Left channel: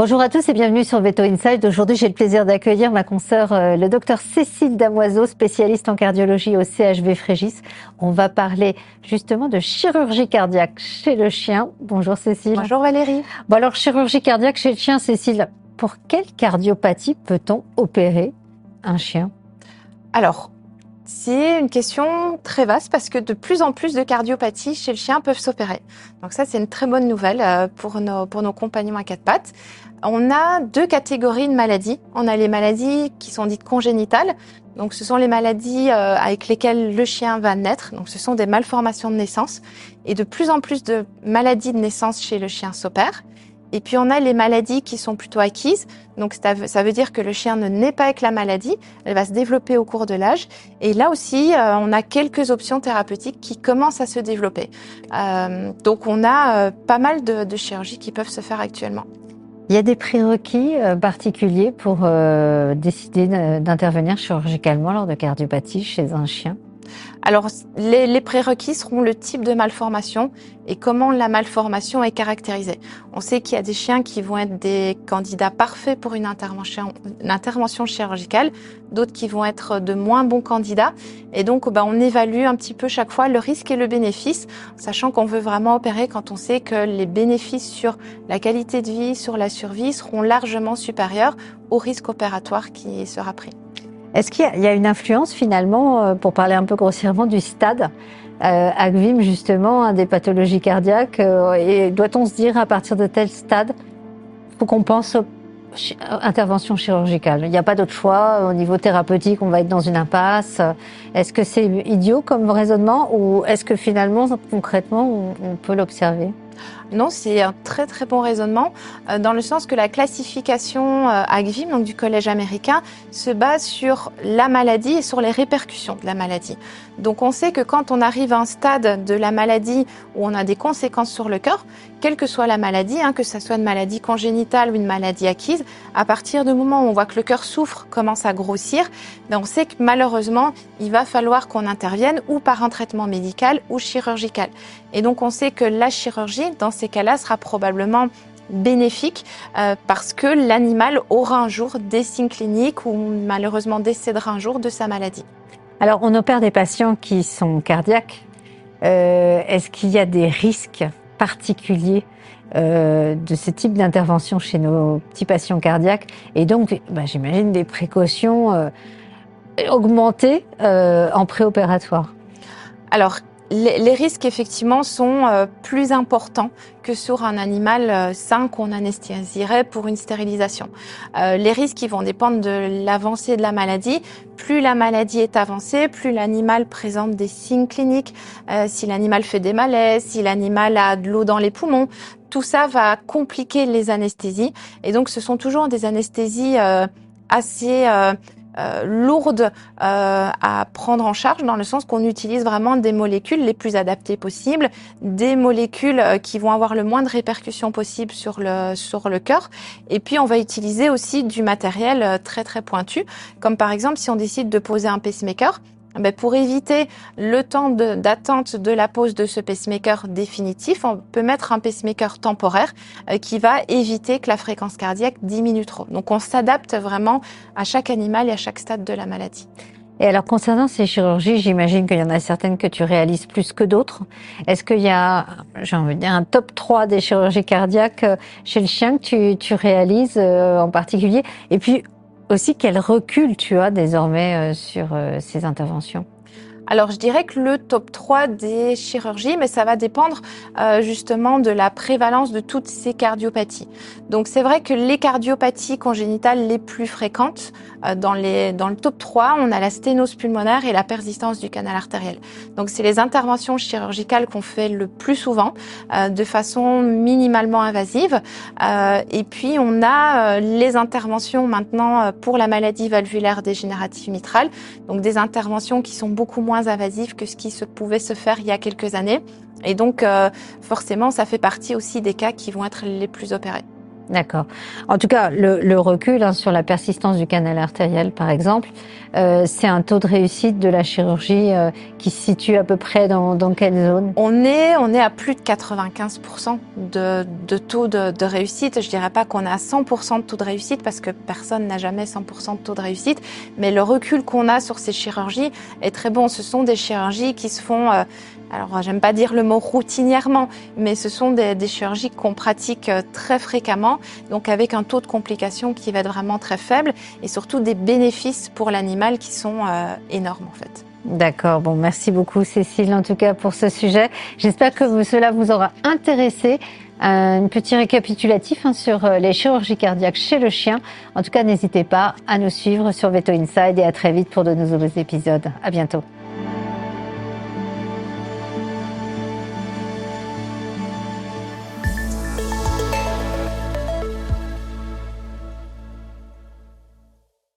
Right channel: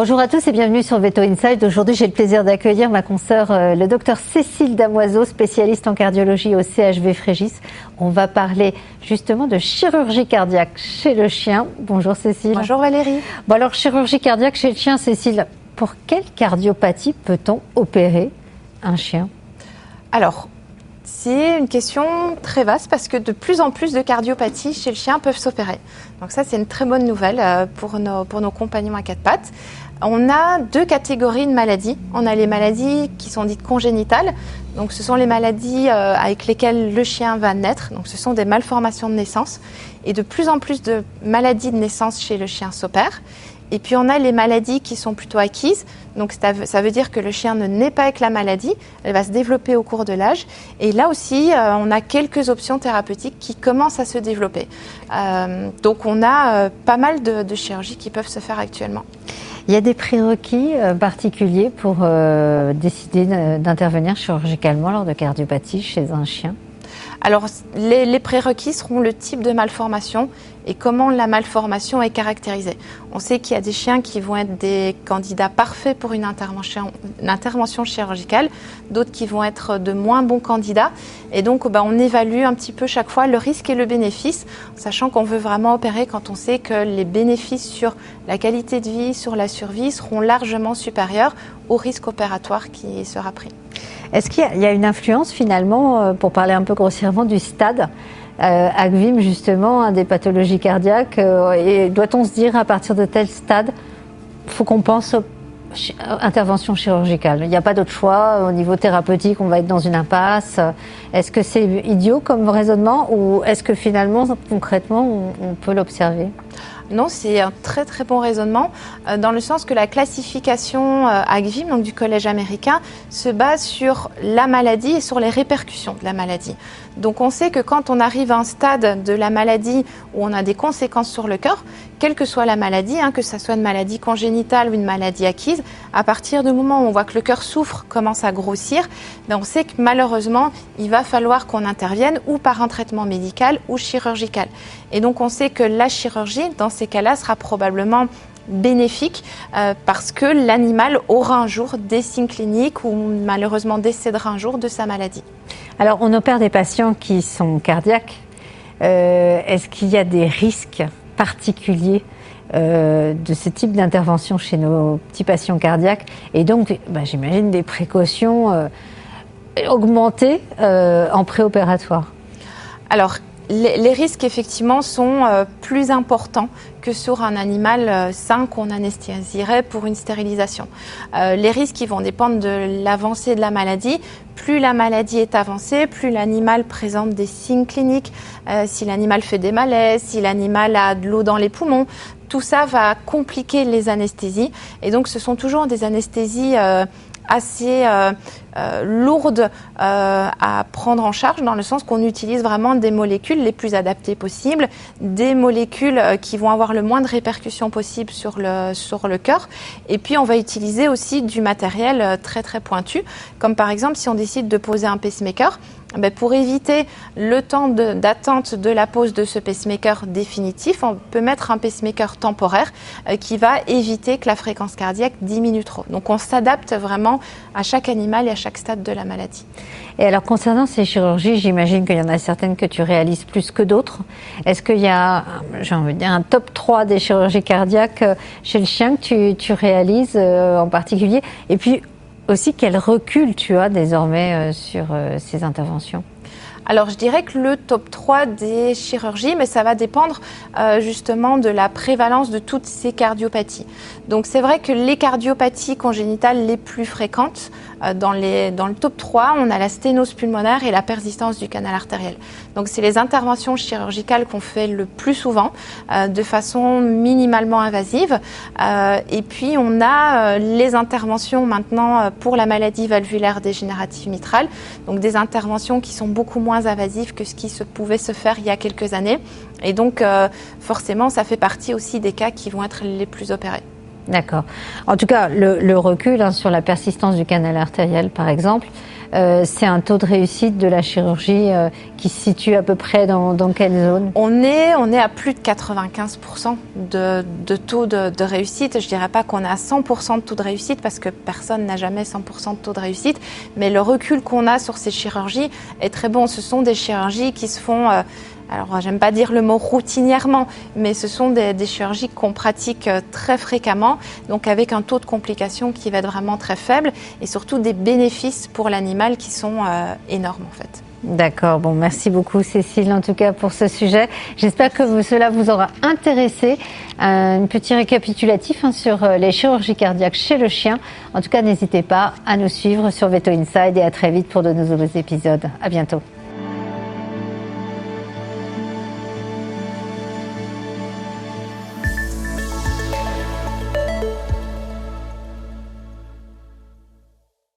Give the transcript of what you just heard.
Bonjour à tous et bienvenue sur Veto Inside. Aujourd'hui, j'ai le plaisir d'accueillir ma consoeur, le docteur Cécile Damoiseau, spécialiste en cardiologie au CHV Frégis. On va parler justement de chirurgie cardiaque chez le chien. Bonjour Cécile. Bonjour Valérie. Bon alors, chirurgie cardiaque chez le chien, Cécile, pour quelle cardiopathie peut-on opérer un chien? Alors, c'est une question très vaste parce que de plus en plus de cardiopathies chez le chien peuvent s'opérer. Donc ça, c'est une très bonne nouvelle pour nos compagnons à quatre pattes. On a deux catégories de maladies. On a les maladies qui sont dites congénitales. Donc ce sont les maladies avec lesquelles le chien va naître. Donc ce sont des malformations de naissance. Et de plus en plus de maladies de naissance chez le chien s'opèrent. Et puis on a les maladies qui sont plutôt acquises, donc ça veut dire que le chien ne naît pas avec la maladie, elle va se développer au cours de l'âge. Et là aussi, on a quelques options thérapeutiques qui commencent à se développer. Donc on a pas mal de chirurgies qui peuvent se faire actuellement. Il y a des prérequis particuliers pour décider d'intervenir chirurgicalement lors de cardiopathie chez un chien? Alors, les prérequis seront le type de malformation et comment la malformation est caractérisée. On sait qu'il y a des chiens qui vont être des candidats parfaits pour une intervention chirurgicale, d'autres qui vont être de moins bons candidats. Et donc, on évalue un petit peu chaque fois le risque et le bénéfice, sachant qu'on veut vraiment opérer quand on sait que les bénéfices sur la qualité de vie, sur la survie seront largement supérieurs au risque opératoire qui sera pris. Est-ce qu'il y a une influence finalement, pour parler un peu grossièrement, du stade ACVIM justement, des pathologies cardiaques et doit-on se dire à partir de tel stade, faut qu'on pense intervention chirurgicale? Il n'y a pas d'autre choix, au niveau thérapeutique on va être dans une impasse. Est-ce que c'est idiot comme raisonnement ou est-ce que finalement concrètement on peut l'observer? Non, c'est un très très bon raisonnement, dans le sens que la classification ACVIM, donc du Collège américain, se base sur la maladie et sur les répercussions de la maladie. Donc on sait que quand on arrive à un stade de la maladie où on a des conséquences sur le cœur, quelle que soit la maladie, que ce soit une maladie congénitale ou une maladie acquise, à partir du moment où on voit que le cœur souffre, commence à grossir, on sait que malheureusement, il va falloir qu'on intervienne ou par un traitement médical ou chirurgical. Et donc on sait que la chirurgie, dans ces cas-là, sera probablement bénéfique parce que l'animal aura un jour des signes cliniques ou malheureusement décédera un jour de sa maladie. Alors on opère des patients qui sont cardiaques. Est-ce qu'il y a des risques particuliers de ce type d'intervention chez nos petits patients cardiaques et donc j'imagine des précautions augmentées en préopératoire? Alors, les risques effectivement sont plus importants que sur un animal sain qu'on anesthésierait pour une stérilisation. Les risques ils vont dépendre de l'avancée de la maladie. Plus la maladie est avancée, plus l'animal présente des signes cliniques, si l'animal fait des malaises, si l'animal a de l'eau dans les poumons, tout ça va compliquer les anesthésies. Et donc ce sont toujours des anesthésies assez lourdes à prendre en charge, dans le sens qu'on utilise vraiment des molécules les plus adaptées possibles, des molécules qui vont avoir le moins de répercussions possible sur le cœur. Et puis on va utiliser aussi du matériel très très pointu, comme par exemple si on décide de poser un pacemaker, pour éviter le temps d'attente de la pose de ce pacemaker définitif, on peut mettre un pacemaker temporaire qui va éviter que la fréquence cardiaque diminue trop. Donc on s'adapte vraiment à chaque animal et à chaque stade de la maladie. Et alors concernant ces chirurgies, j'imagine qu'il y en a certaines que tu réalises plus que d'autres. Est-ce qu'il y a, j'ai envie de dire, un top 3 des chirurgies cardiaques chez le chien que tu réalises en particulier? Et puis aussi, quel recul tu as désormais sur ces interventions? Alors, je dirais que le top 3 des chirurgies, mais ça va dépendre justement de la prévalence de toutes ces cardiopathies. Donc, c'est vrai que les cardiopathies congénitales les plus fréquentes, dans le top 3, on a la sténose pulmonaire et la persistance du canal artériel. Donc, c'est les interventions chirurgicales qu'on fait le plus souvent, de façon minimalement invasive. Et puis, on a les interventions maintenant pour la maladie valvulaire dégénérative mitrale. Donc, des interventions qui sont beaucoup moins invasives que ce qui pouvait se faire il y a quelques années. Et donc, forcément, ça fait partie aussi des cas qui vont être les plus opérés. D'accord. En tout cas, le recul sur la persistance du canal artériel, par exemple, c'est un taux de réussite de la chirurgie qui se situe à peu près dans quelle zone? On est à plus de 95% de taux de réussite. Je dirais pas qu'on est à 100% de taux de réussite parce que personne n'a jamais 100% de taux de réussite. Mais le recul qu'on a sur ces chirurgies est très bon. Ce sont des chirurgies qui se font, alors j'aime pas dire le mot routinièrement, mais ce sont des chirurgies qu'on pratique très fréquemment, donc avec un taux de complications qui va être vraiment très faible et surtout des bénéfices pour l'animal qui sont énormes en fait. D'accord, bon, merci beaucoup Cécile en tout cas pour ce sujet. J'espère que cela vous aura intéressé. Un petit récapitulatif sur les chirurgies cardiaques chez le chien. En tout cas, n'hésitez pas à nous suivre sur Veto Inside et à très vite pour de nouveaux épisodes. À bientôt.